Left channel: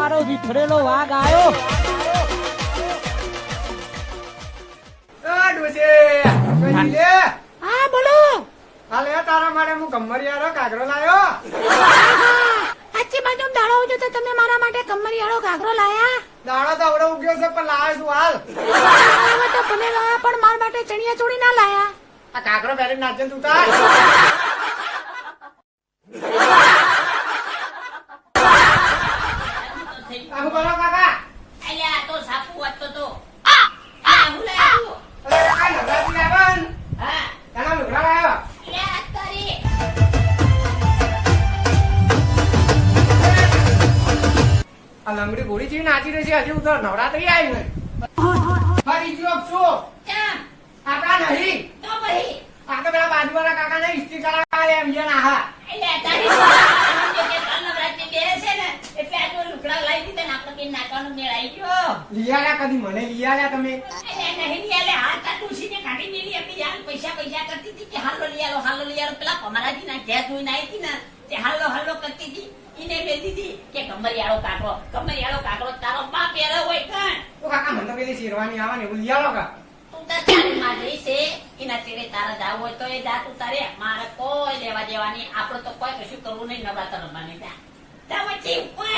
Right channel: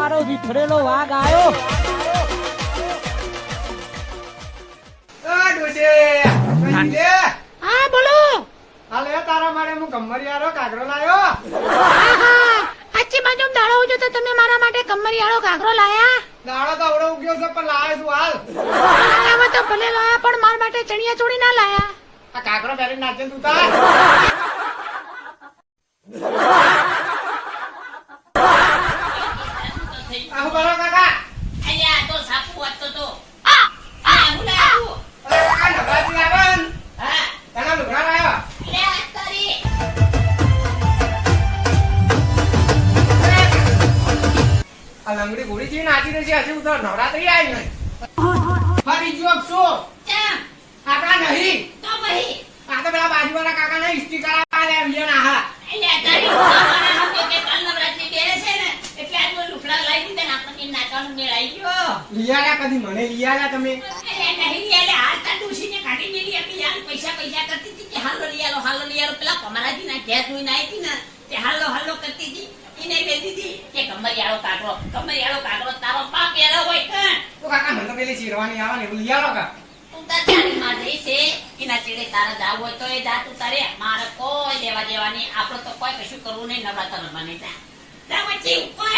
મારો વિખરેલો વાઘ આવ્યો. હા બોલો. હાલે તારા માટે હું ગમરિયારો કાગરો લાયો. આછી બાજુ દાડો ઉજો તો તમે મારા માટે કમરિયાળો ઘાઘરો લાયા. દાડો તો અવડો ઉગ્યો છે પણ લાયો છું હાલ. હવે તો ભલે લાયા પણ મારા માટે ચણિયા ચોળી ના લાયા. આ કાગરો પહેરી નાચે તું તાર. આહુ બોલો કાકા. અલ્યા તો સાપુ હતો તો આ હું લાવ્યો. અરે કાકા નવરાત્રી આવે ને હા તને લુગડા લાયો. અલ્યા તારી આ લંગડી ઘોડી જેવી નાચી રહી છે હજી હું તો નવરાત્રી આવી નહીં. ફરી ગયો શું ચમ આપણા નહીં તો ભાઈ આ તો પેલા બાજુવાળા કાકા ને ઇસ્ત્રી કરાવ્યા એમ જણ આહા. અલ્યા તારી મારા તો કે કાલ નવરાત્રી બેરે છે ને એટલે આ લુકડા લાવી દીધા ને આપણે કે નાચવાનું મેળ આવી ગયો. લીયાલા કદી મને લીયાલા તમે. અલ્યા નહીં લે હાલ તા ડૂસીને કાઢી મેલી આપી યાર પૈસા કરતી હતી કે હાલો લીયાલો પેલા કમરાજી ના ઘેર જોઈ નાઈ હતી ને તે હાલો કરતી હતી ઈને મેલી દીધી કે કમરિયાળો કાગરો તારો બાપ એરો હોય કાં તો કાકા મને તો પેલી શેરવાની આવે ને એવું લીયાલો કા. તું તાર ચાલી માં જઈ છે એના ચેડે તારા જાવ હોય તો એ જા તું તારે મારે કોઈ લેવા દેવાની આપણે તો કોઈ કશું કરવું નહીં નવરાત્ર રમવાની જા જા વચ્ચે ઉપર